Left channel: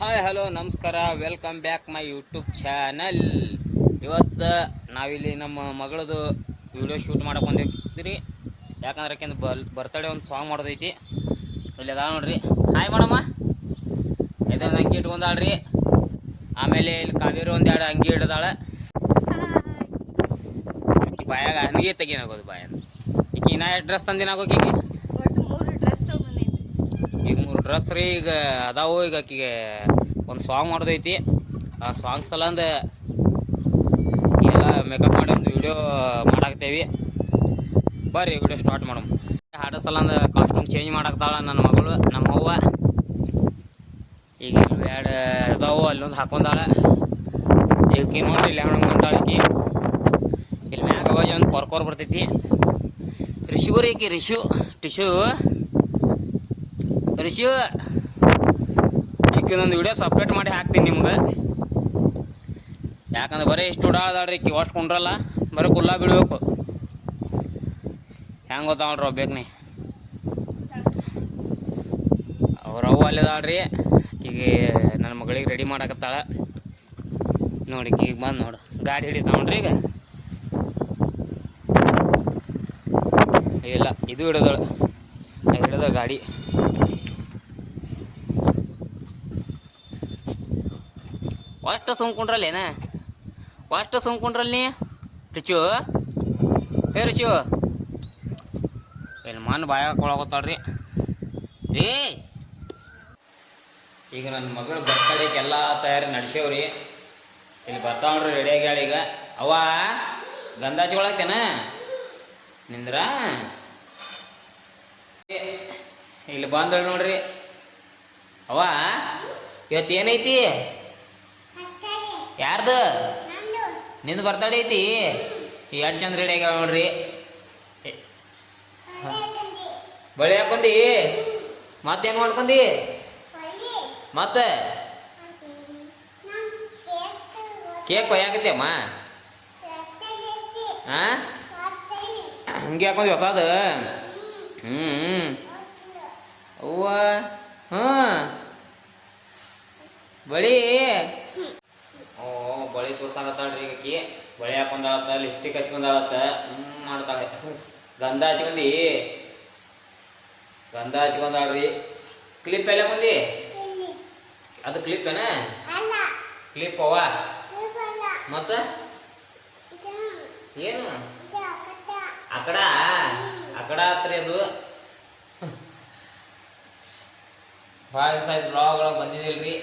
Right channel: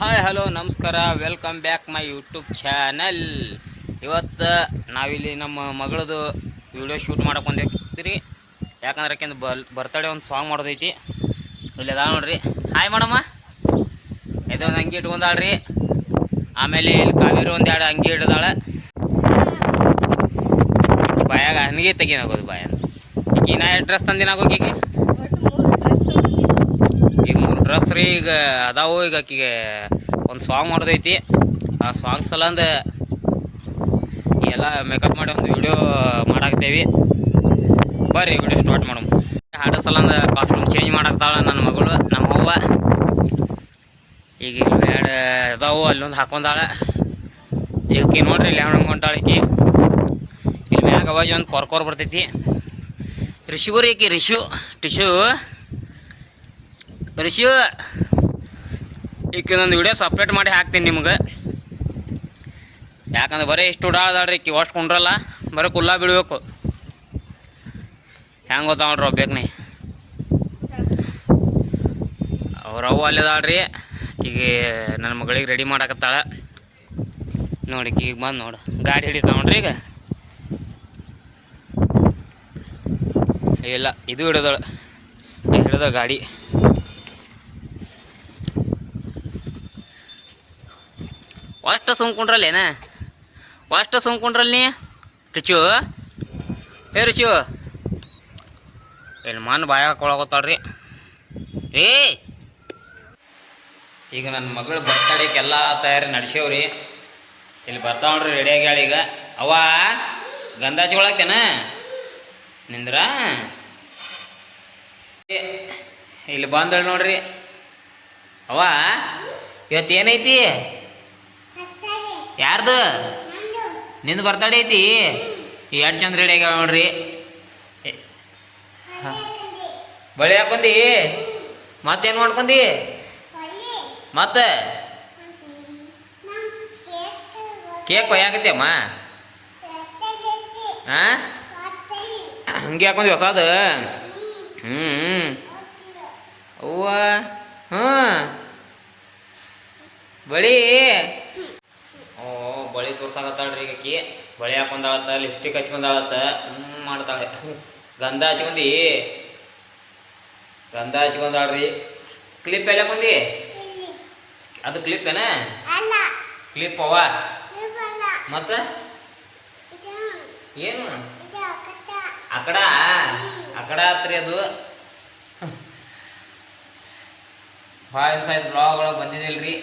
Hi hello ನಮಸ್ಕಾರ, welcome back my YouTube channel. ಇವತ್ತು ನಾವಿಲ್ಲಿ ನಮ್ಮ ಮಗಳದು ವಿಡಿಯೋ ಶೂಟ್ ಮಾಡಕ್ಕೆ ಬಂದಿರ್ತೀರಿ. ಯಾಕಂದ್ರೆ ಆಕೆಂದು ಬರ್ತಡೇ ಒಂದು ಸಾಂಗ್ ಮಾಡೋದೈತಿ. ಇಲ್ಲಿ ಅದಾವ ನೋಡ್ರಿ. ಹಾಯ್ ಮಾಡಮ್ಮ. ಇದೊಂದು ಅಂಗಿ ಇಟ್ಕೊಂಡಾಳ್ರಿ. ಆಮೇಲೆ ಇಲ್ಲಿ ಕಾವೇರಿ ಒಂದೆರಡು ಅಂಗಿ ಹಿಡ್ದಾಳೆ. ಬಾಯಾಗ ಹನಿಗೆ ತೆಗಿನಾಗೋದು ಬಾಯ. ಈಗ ನಾ ಡ್ರೆಸ್ ತಂದಿನಾಗೋಗಿಗೆ ಈಗ 3 ಡ್ರೆಸ್ ರೀ. ಈಗ ಅದಾವು. ಈಗ ಆಕಿಗೆ ಒಂದು ಸಾಂಗ್ ಮಾಡೋದೈತಿ. ಆ ಸಾಂಗ್ ಸಲಂದ ಎಲ್ಲ ಮೇಕಪ್ ಮಾಡಿ ಒಂದು ವಿಡಿಯೋ ಮಾಡಾಕ್ತೇವಿ. ಬರ್ರಿ ವಿಡಿಯೋ ಸ್ಟಾರ್ಟ್ ಮಾಡಮ್. ಹಾಡೋ ಸಲಂದ ಕಾಸ್ಟ್ಯೂಮ್ ಚೇಂಜ್ ಮಾಡಾಕ್ತಾಳೆ ನನ್ನ ಮಗಳು, ನಮ್ಮ ಅವ್ವ. ಈಗ ಇಲ್ಲಿ ಎರಡು ಅದಾವು, ಅಲ್ಲೊಂದು ಹಾಕೊಂಡಾಳೆ. ಈಕಿ ನೋಡ್ರಿ ಇಲ್ಲಿ ಹೆಣ್ಣು ಹೊಂಟಾಳಿಕಿ. ಇಲ್ಲಿ ಮ್ಯಾಗ ಅವಾಜ್ ಒಂದು ಕೊರ್ಕೋರ್ ಬರ್ತೈತಿ. ರಿಶುಗುರಿ ಈಕಿ ರಿಶು ಟಿಶು ರಿಶು. ಈಕಿನೊಂದು ವಿಡಿಯೋ ಸಪ್ರೇಟ್ ಮಾಡಿ ಹಾಕ್ತೀನಿ ನಿಮ್ಗೆ. ಯಾಕಂದ್ರೆ ಬರೀ ಇಷ್ಟು ಉಡಾಳ್ದಾಳ್ರಿ ಈಕಿ. ಅಷ್ಟು ಕುಂಡ್ರಲ್ಲ, ಬರೀ ಕುಲ್ಲ ಬಿಡಬೇಕು. ಹೆಂಗೆ ಗೊತ್ತಾ ನೋಡ್ರಿ ಬೇಕನೆ ಅವ್ರವ್ವ ಅಲ್ಲಿದಾಳ್ರಿ. ಈಗ ನನ್ನ ಮಗಳಿಗೆ ರೆಡಿ ಮಾಡಾಕತ್ತಾಳೆ ನೋಡಿ. ಈಗ ಬಂದು ನೋಡು ಗಾಡಿ ಹಿಡಿತಾವ ನೋಡ್ರಿ. ಈಗ ಇಲ್ಲ ಇದು ಹಿಡಿದಳು, ಹಿಡಿದ ಗಾಡಿ. ಅಷ್ಟು ಸುಮ್ಕೊಂಡ್ರಲ್ಲೇನ, ಅಷ್ಟು ಸುಮ್ಕೊಂಡ್ರಲ್ಲ ನೀ ರಿಚು. ಹೇ ರಿಚು, ಇಲ್ಲಿ ಮಣ್ಣು ಬಾಯ ಹಾಕೊಳಕತ್ತಾಳ್ರಿ. ಏ ಈಗ ನನ್ನ ಮಗಳ ಬರ್ತಡೇಗೆ ಎಲ್ಲ ತಯಾರಿ ನಡೆಸೇವ್ರಿ. ಇಲ್ಲಿ ಬರ್ತಾವ್ರಿ ರೆಡಿ ಆಗ್ಯಾಳ. ಈಗ ಅವ್ವ ಗಂಧ ಹಚ್ಕೊಳಕ್ತೇನ ನಿಂದ್ರ. ಇಲ್ಲಿ ಬಂದಳು ನೋಡ್ರಿ. ಅವ್ವ ಇವತ್ತು ಏನೈತಿ? ಯಾರ್ದು? ನಿಂದು ಬರ್ತಡೇ ಐತಿ. ಎರಡು ಚಂದ ರೆಡಿ ಆಗ್ಯಾವ ನೋಡ್ರಿ. ಬಳೆ ಹಾಕೊಂಡಿ, ಮತ್ತೇನು ಮಾಡ್ಕೊಂಡಿ? ಮತ್ತೆ ಕೇಕ್ ಕೊಯ್ಯಾಕತ್ತೇಮ್ಮ. ಹಾಂ ಹಂಗೆ ಹಾಕೊಂಡಿ ಹೊಸದು. ಅವ್ವ ಬಳಿ. ಬಳಿ ತೋರ್ಸಾಕತ್ತಾಳ್ರಿ ಈಗ ಆಕಿ. ಬಳಿ ಹಾಕೊಂಡಾಳತ್ತ, ಲಿಪ್ಸ್ಟಿಕ್ ಹಚ್ಕೊಂಡಾಳತ್ತ, ಮಾಡ್ತಾಳೆ. ಗಂಧ ಹಚ್ಕೊಂಡಿ, ಗಂಧ ಹಚ್ಕೊಂಡಾಳ್ರಿ. ಕ್ಲಿಪ್ ಎಲ್ಲ ಹಾಕೊಂಡಿ? ಅದು ಕ್ಲಿಪ್ ಏನ? ಕ್ಲಿಪ್ ಅವ್ವ. ಮತ್ತೆ ಏನು ಅಕಡ ಅಕಡ ಆತ್ರಿ ಅದು. ಭಾಳ ದಿವಸ ಆಯ್ತು ವ್ಲಾಗ್ಗಳು ಬಂದಿದ್ದಿಲ್ರಿ.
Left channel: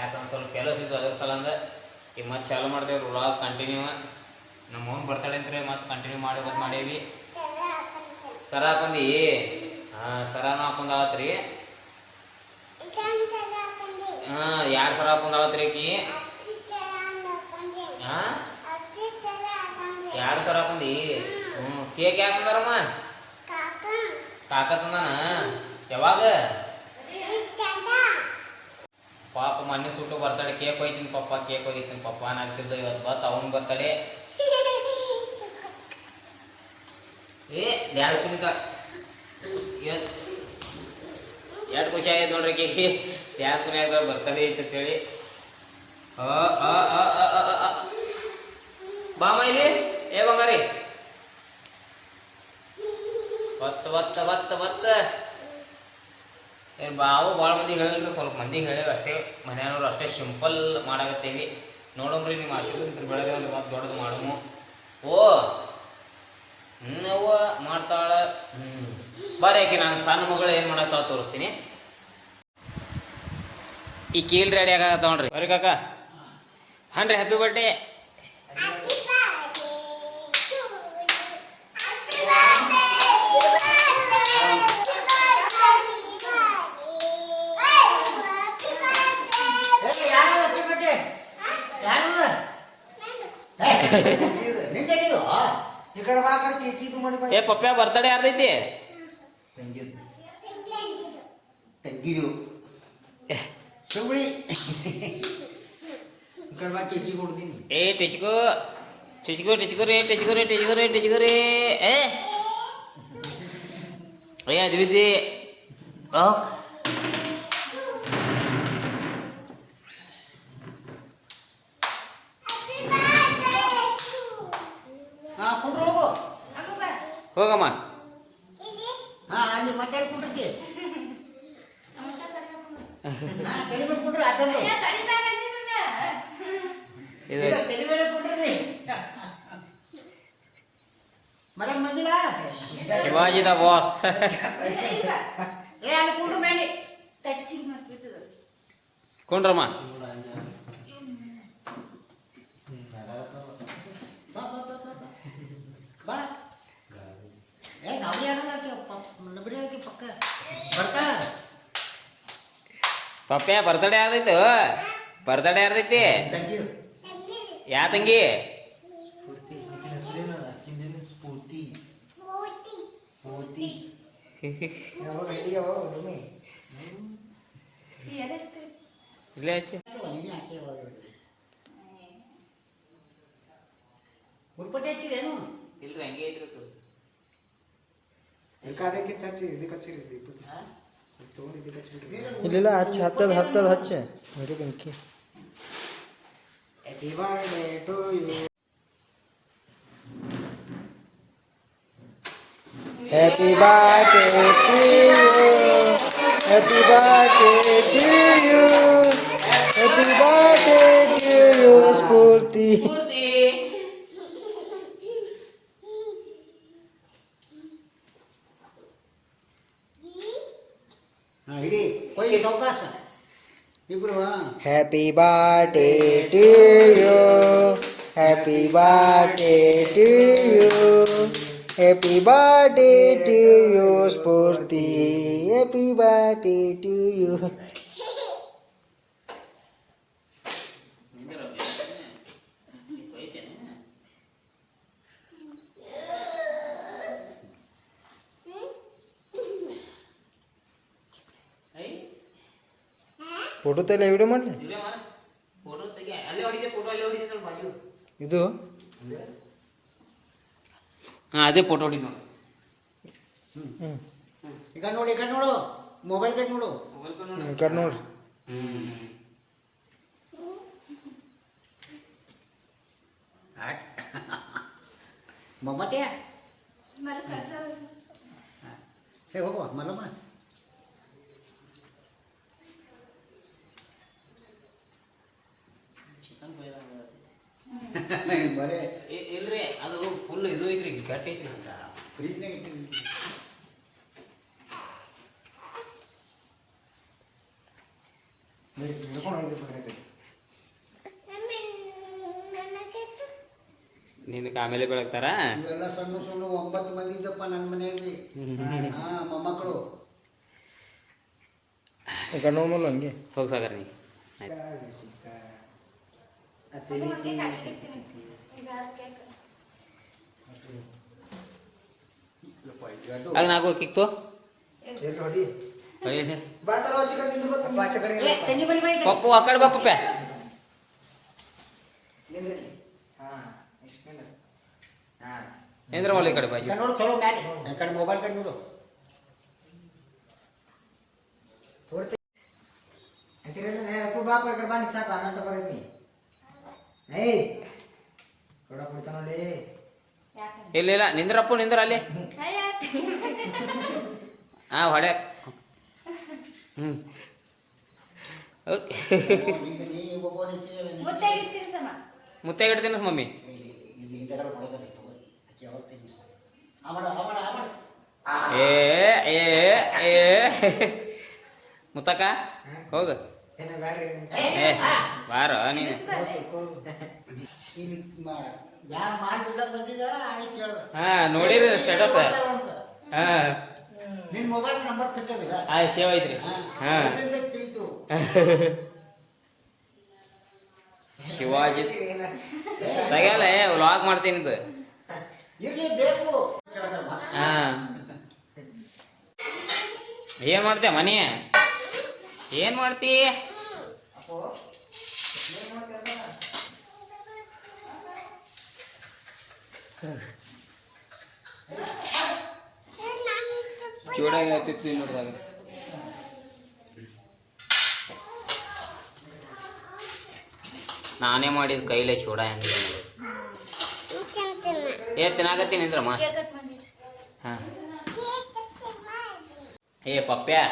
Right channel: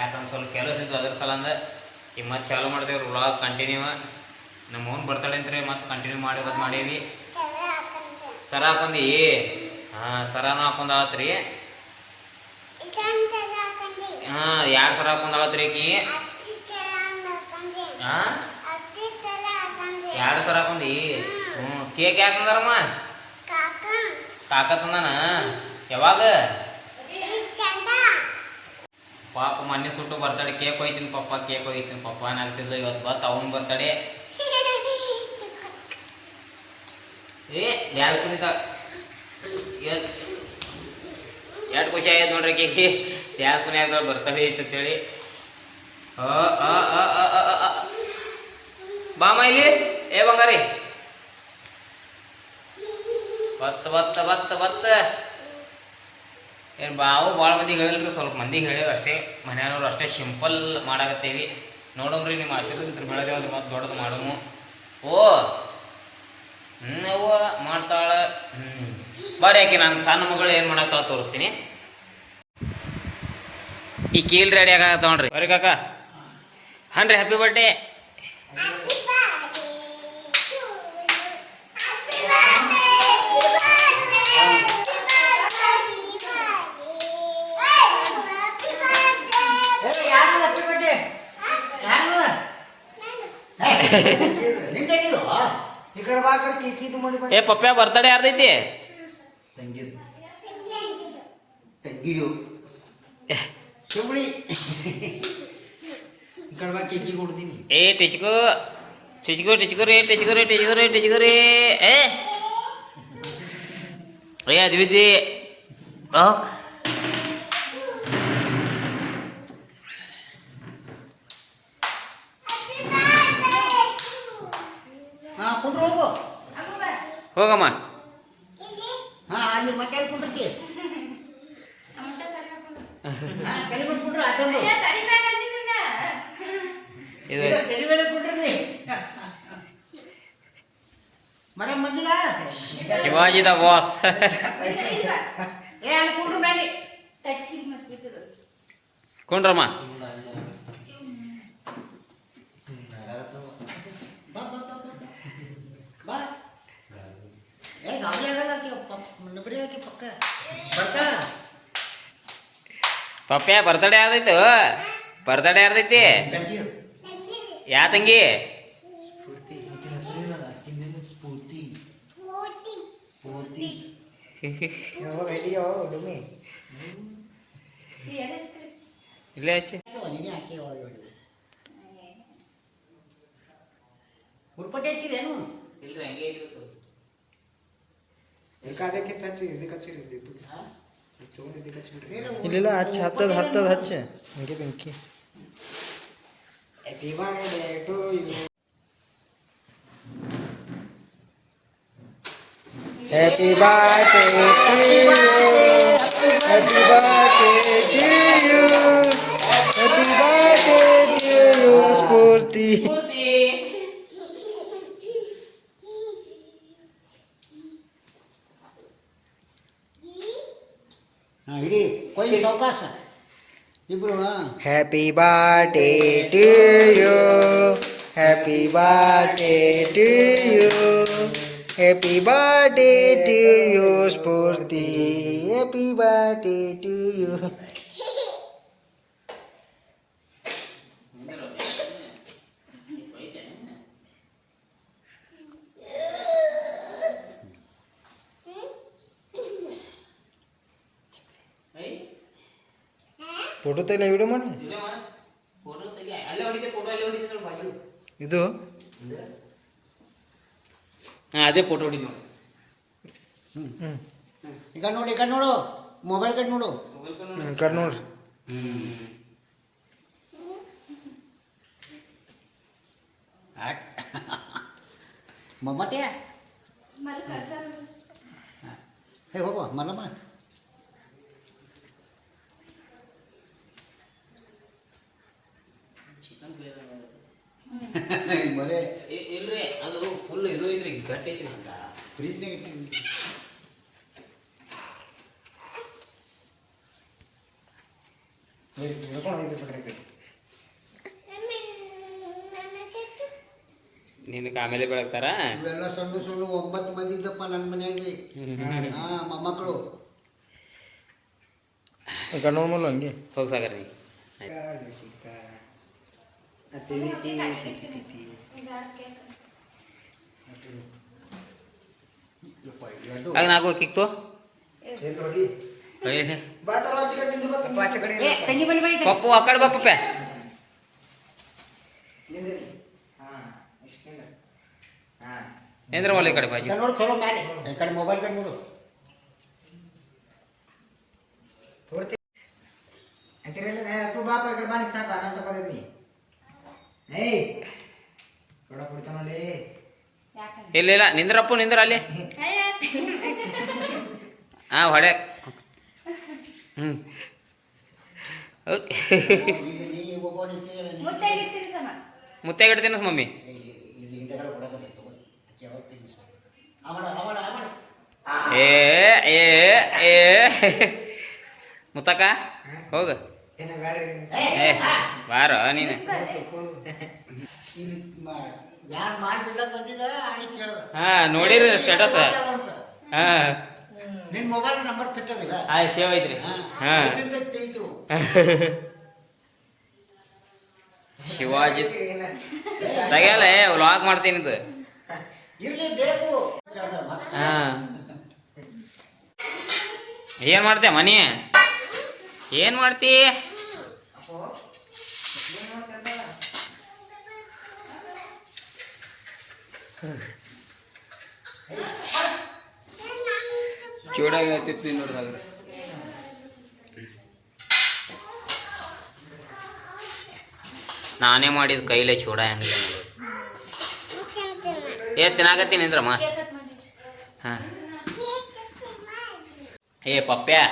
ಯಾಕಂದ್ರೆ ಸ್ವಲ್ಪ ಕೆಲಸ ಇದ್ದು ಅದ್ರ ಸಲಂದ ಈಗ ಮತ್ತೆ ಚಾಲು ಮಾಡ್ದೇವ್ರಿ ವ್ಲಾಗ್ ಕಂಟಿನ್ಯೂ. ನಮ್ಮ ಓನ್ ಬರ್ತಡೇ ಅಂತ್ರಿ, ಮತ್ತೆ ಕಂಟಿನ್ಯೂ ಮಾಡೇವಿ. ಸರ ಹಾಕೊಂಡಿ? ಹಾಂ ಸರನೂ ಹಾಕೊಂಡಾಳತ್ರಿ. ಹಾಂ 2 ಸರ ಹಾಕೊಂಡಾಳತ್ರಿ ಆಕಿ. ಹಾಂ 2 ಸರ ಹಾಕೊಂಡಿ. ಕೇಕ್ ಯಾಕೆ ತಂದಾರಮ್ಮ? ಕಾಕ ತಂದಾನ. ಯಾವಾಗ? ಪಾಪ ಮೊನ್ನೆ ಸುಟ್ಟು ಬರ್ತಡೆ ಕೇಕ್ ಹೋಯ್ತೀನಿ ಪಪ್ಪ, ಕೇಕ್ ಹೋಯ್ತೀನಿ ಪಪ್ಪ ಅನ್ನಾಗ್ತಿದ್ಲು. ಇವತ್ತು ಬತ್ ಅವನ ಬರ್ತಡೆ. ಯಾರು ಕುಣಿತ ಎರಡು ಖುಷಿ ಆಯ್ತು ನೋಡ್ರಿ ಕೇಕಿ. ಯಾರು ಕುಣಿ ಆಗ್ದಾಳ ಬರ್ತಡೆ ಐತೆ ಅಂತೇಳಿ. ಬಾಮ ಇಲ್ಲಿ. ಏ ಬಂಗಾರಿ ಬತ್ತ ಬತ್ತ ಬತ್ತ ಬತ್ತ. ಏನು ಬಾವು ಭಾಳ ಮಂದಿಗೆ ಹೇಳಿಲ್ರಿ, ಸ್ವಲ್ಪ ಮಂದಿಗೆ ಹೇಳೇವಿ ಅಷ್ಟೇ. ಮನೆಯವ್ರು ಅಷ್ಟೇ ಸಿಂಪಲ್ ಮಾಡಾಕತ್ತೇವಿ. ನೋಡಮ್ರಿ ನಿಮ್ಮ ಆಶೀರ್ವಾದ ಬೆಳೆದೇವು ಅಂದ್ರೆ ಮತ್ತೆ ದೊಡ್ಡದು ಮಾಡಮು. ಓ ಅವ್ವ ಮಾಡ್ತಾಳೆ. ಬರ್ರಿ ಆಕೆ ನಾನು ಸಣ್ಣ ಮಗಳು ಏನು ಮಾಡಾಕ್ತಾವ ತೋರಿಸ್ತೀನಿ. ಈ ಕೀಲ್ ರೆಡಿ ಆಗತ್ತ ನೋಡ್ರಿ. ಬರ್ರಿ ಕಾಕ. ಹಾಂ ರೀ, ಹ್ಯಾಪಿ ಬರ್ಡೇ. ಏ ಪಪ್ಪ ಬರ್ತಡೇ ಯಾರ್ದೈತಿ? ಏ ಟಿಚ್ಕೋ ಟಿಚ್ಕೋ ಟಿಚ್ಕೋ ರೀ ಟಿಚ್ಕೋ ರೀ ಟಿಚ್ಕೋ ರೀ ಟಿಚ್ಕೋ ರೀ. ಏ ಅದ್ವಿದ್ದಿ ಹೋಗಮ್ಮ. ಇದು ಶಿವಾಜಿ ದ ಬಾಸ್. ಕೊಂಡ್ರಮ್ಮ. ಪಪ್ಪೆ ಬರ್ತಡೇ ಯಾವ್ದೈತು? ಬರ್ತಡೇ ಯಾರ್ದೈತಿ? ಯಾ ತಂಗಿ? ಇಲ್ಲೇ ಹಚ್ಚಿ. ಇಲ್ರಿ ಹಂಗೆ ಇಟ್ಟಿರ್ತು. ಇಲ್ಲ ಹಚ್ಚ ಹತ್ತದ ಹಚ್ಚ ಹಂಗೆ ಬೆಂಕಿ. Happy birthday to you. Happy birthday to you. Happy birthday to you, Spurti. Happy birthday to you. Happy birthday to you. Happy birthday to you, Spurti. Happy birthday to you. Photo ತೆಗಿಲ್ಲ video ಮಾಡಿ ಇದು ಅದೇ photo ಹೊಡಿ. ಈಗ ನೋಡು mobile cut ನೋಡು ಕರ್ ನೋಡ್ರಿ. ಮೊಮ್ಮತ್ತೆ ಹೇ ಹೋಗುವ ಮಲ್ಲಮ್ಮ. ಬರೇ ಇಲ್ರಿ ಅದು ಫುಲ್ ಇದು ಐತ್ರಿ, ಗಟ್ಟಿ ಐತ್ರಿ. ಫ್ರಿಜ್ನಾಗ ನಿನಗೆ ಆಮೇಲೆ ಬೆಳಗ್ತಾರ. ಇವೆಲ್ಲ ಸಣ್ಣ 9 ಮಂದಿ ಇದ್ದಪ್ಪ ನನ್ನ ಮನೆಯಲ್ಲಿ. ಮೊಮ್ಮಕ್ಕಳು ಕಣ್ಣು ಹಂಗೆ ಹೋಗಿ ಸಾಗರ ನೀ. ಆಗ ನಾಲ್ಕು ಕಿಕ್ತು ಪಪ್ಪು ಆ ಕಡೆ ಬಪ್ಪ. ಏನ್ರ ಮಲ್ಲ ಈ ಕಡೆ ಬಾಜು ನೋಡು ಚಲೋ ಮ್ಯಾಲೆ ಈ ಕಡೆ ಮೊಬೈಲ್ ಕಡೆ ನೋಡು. ಬಾಪ ಈ ಕಡೆ ಬಾನಿ ಸಾಕು ಅನಂತ ಪದ್ಧತಿ. ಇಲ್ಲ ಇಲ್ಲ ನಿಂದ್ರಪ್ಪ ನಿಂದ್ರ ಅಲ್ಲಿ. ಹೊಡೆ. ಮುತ್ತಾಗಿಡ್ತೀನಿ ಮಮ್ಮಿ. ಏ ಏ ಏ ಮುತ್ತಕ್ಕ ಹೋಗ. ಏ ಬಾರೋ ನೀನು. ಹಾ ನೋಡಿರಿ ಸ್ಟೇಟಸ್. ಹಾ ನಿನ್ ಮೊಬೈಲ್ ನಂಬರ್ ಬಿಟ್ಟದಿಲ್ಲ. ಸೇವ್ ಐತ್ರಿ. ಹಾ ಶಿವಾಜಿ ತೆಗಿಯಲ್ಲ ವ್ಲಾಗ್ ಮಾಡ್ತೀನಿ ಇದು. ಹಾ ಏನ್ ಮಾಡ್ತೀಯ ಮನಿ? ಏನ್ ಮಾಡ್ತಿ? ಚೂಡ ಹೇಳ್ತಿತ್ತು ನೋಡ್ರಿ. ನಾನೇ ಮಾಡಿದ ಕೈಲೇ ಚೂಡ ಹೆಂಗ. ತಿನ್ನಾಕತ್ತೀನಿ ಅಂದ್ರಮ್ಮ. ಹಾಂ ಏ ಪಪ್ಪ್ಯಾ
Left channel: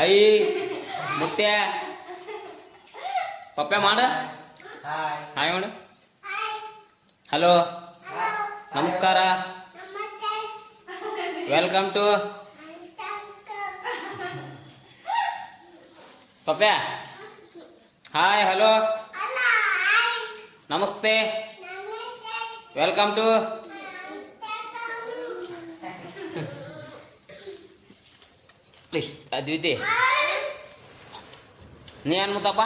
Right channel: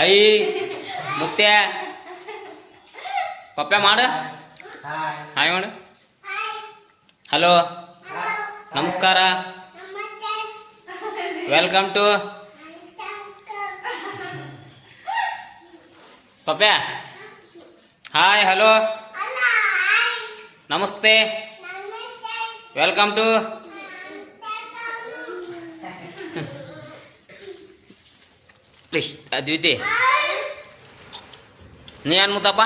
ಐ ಮುತ್ಯ ಪಪ್ಪ್ಯಾ ಮಾಡ ಹಾಯ್ ಮಾಡು ಹಲೋ ನಮಸ್ಕಾರ ವೆಲ್ಕಮ್ ಟು ಪಪ್ಪ್ಯಾ ಹಾಯ್ ಹಲೋ ನಮಸ್ತೆ ವೆಲ್ಕಮ್ ಟು ಪ್ಲೀಸ್ ಅದ್ವಿತಿ ನೀ ಏನು ಮುತ್ತಪ್ಪ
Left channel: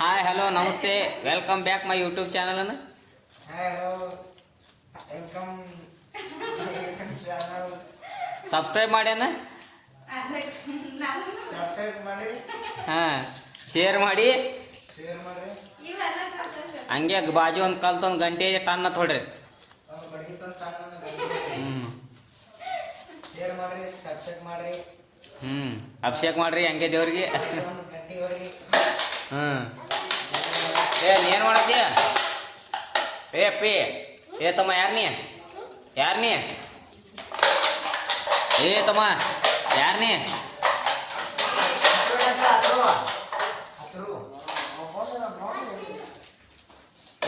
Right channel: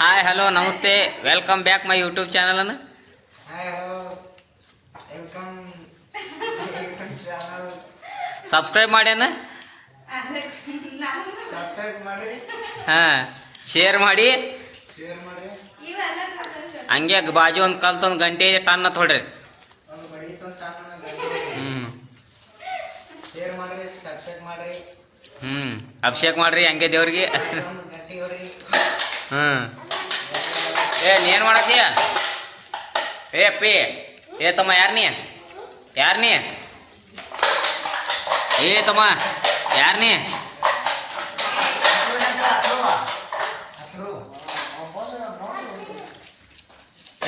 ಹಾಯ್ ಹಲೋ ನಮಸ್ತೆ ವೆಲ್ಕಮ್ ಬ್ಯಾಕ್ ಮೈ ಯೂಟ್ಯೂಬ್ ಚಾನಲನ್ನು ಸಬ್ಸ್ಕ್ರೈಬ್ ಮಾಡ್ಯಾನ ಹಾಂ ಶೇರ್ ಮಾಡಿ ಹಂಗೆ ಬಾಜು ಒಂದು ಕಲ್ತೊಂದು ಗಂಟೆ ಟನ್ ಅಂತ ಹೊಡ್ರಿ ಅಭಿಷೇಕ್ ಮಾಡ್ರಿ ಹಂಗೆ ದೇವ್ರಿಗೆ ಏ ನೀನು ಮಾಡತ್ತೀಯ ಏ ಅಪ್ಪಿ ಏ ತಮ್ಮ ಯಾರು ನೀ ಏ ತಮ್ಮ ಯಾರು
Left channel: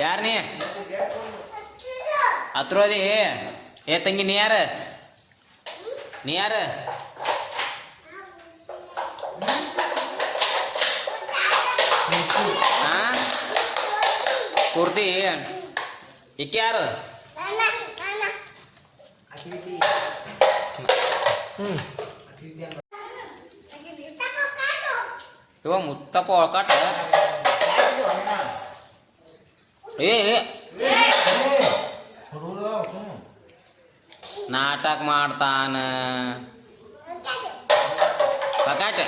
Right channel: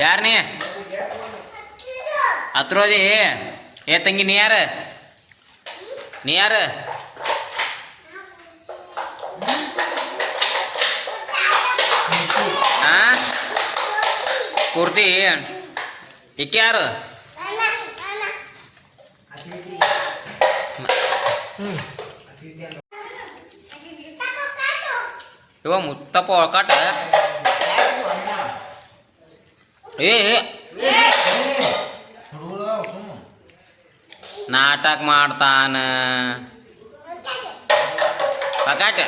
ಯಾರು ಹತ್ರೋದಿ ಏ ತಂಗಿ ನೀ ಯಾರು ಹಾಂ ಪೂರ್ತಿ ಇಕ್ಕೆ ಯಾರು ಇವ ಮುತ್ತಪ್ಪ ಒಳಕಾಟ ಏ ನಾಟಕ ಮಾಡ್ತಾನ ಪಕಾಟ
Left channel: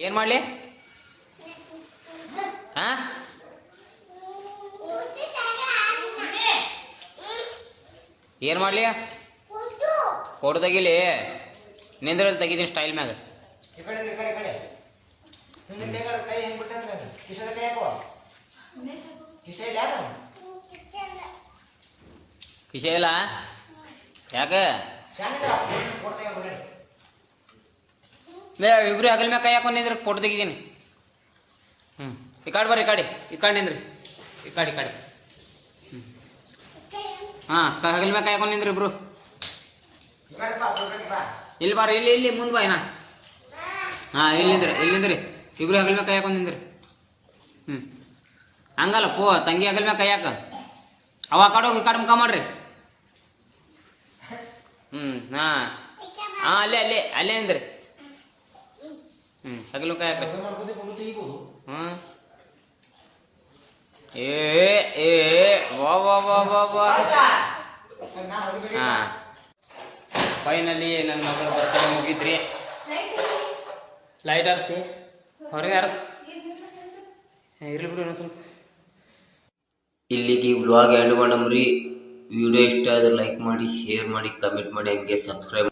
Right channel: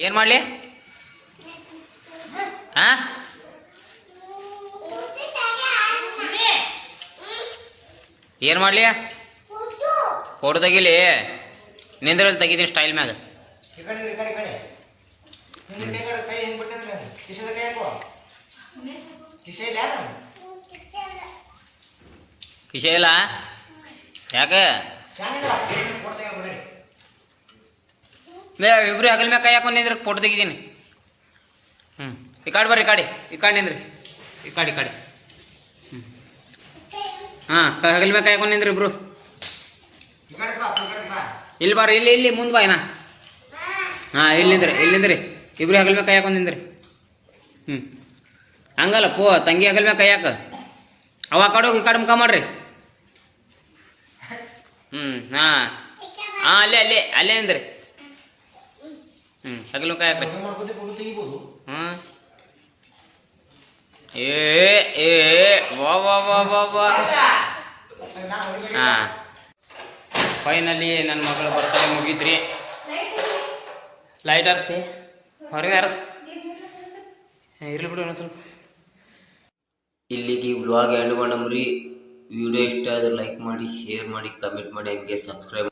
ಏನು ಮಾಡಲಿ ಹಾಂ ಏನು ಮಾಡಲಿ ಫೋಟೋ ತೆಗಿಲಿ ನಿಂದ್ರಲ್ಲಿ ತೆಗಿತೀನಿ ಸ್ಟೈಲ್ ಮ್ಯಾಗ ಕಿಶೆ ಇಲ್ಲ ಯಾಕೆ ಇಬ್ರು ಹಗಲ್ ಮ್ಯಾಗ ಕೈ ಹಾಕೊಂಡು ನಿಂದ್ರೆ ಫೋಟೋ ತೆಗಿದ್ದೀನಿ ಈ ಕಾಡು ಬರ್ರಿ ಈ ಕಾಡು ನಿಂದ್ರಿ ಈ ಕಾಡಿ ಹಾಂ ಹಗಲ್ ಮ್ಯಾಗ ಕೈ ಹಾಕೊಂಡು ನಿಂದ್ರಿ ಇಬ್ರು ಇಲ್ಲಿ ಬರ್ರಿ ಇಲ್ಲಿ ಮುಂದೆ ಬಾ ಏನಾ ಹಾಂ ಇಲ್ಲಿ ನಿಂದ್ರಿ ಇಬ್ರು ಹಗಲ್ ಮ್ಯಾಗ ಕೈ ಹಾಕೊಂಡು ನಿಂದ್ರಿ ಹಂಗಲ್ಲ ತಂಗಿ ಹಗಲ್ ಮ್ಯಾಗ ಕೈ ಹಾಕ ಅವ ಆ ಕಡೆ ಹೋಗಿ ಈ ಕಡೆ ಮುಖ ಮಾಡ್ರಿ ಹಾಂ ಅಲ್ಲೇ ನಿಂದ್ರಿ ಹಗಲ್ ಮ್ಯಾಗ ಕೈ ಹಾಕ್ರಿ ವಾ ಹಾಂ ಫೈನಲಿ ನನ್ನ ಮಗಳು ಬರ್ತಡೇ ಮುಗೀತ್ರಿ ಲೈಟ್ ಹರಿಸ್ತಿ ಹೊರಗೆ ಇರ್ಲಿ ಬಿಡು ಸ್ವಲ್ಪ ಇಲ್ಲಿಗೆ ವ್ಲಾಗ್ ಎಂಡ್ ಮಾಡಮ್ರಿ ವಿಡಿಯೋ ಇಷ್ಟ ಆದರೆ ಲೈಕ್ ಮಾಡಿ ಶೇರ್ ಮಾಡಿ ಕಮೆಂಟ್ ಮಾಡಿ ಹಂಗೆ ಸಬ್ಸ್ಕ್ರೈಬ್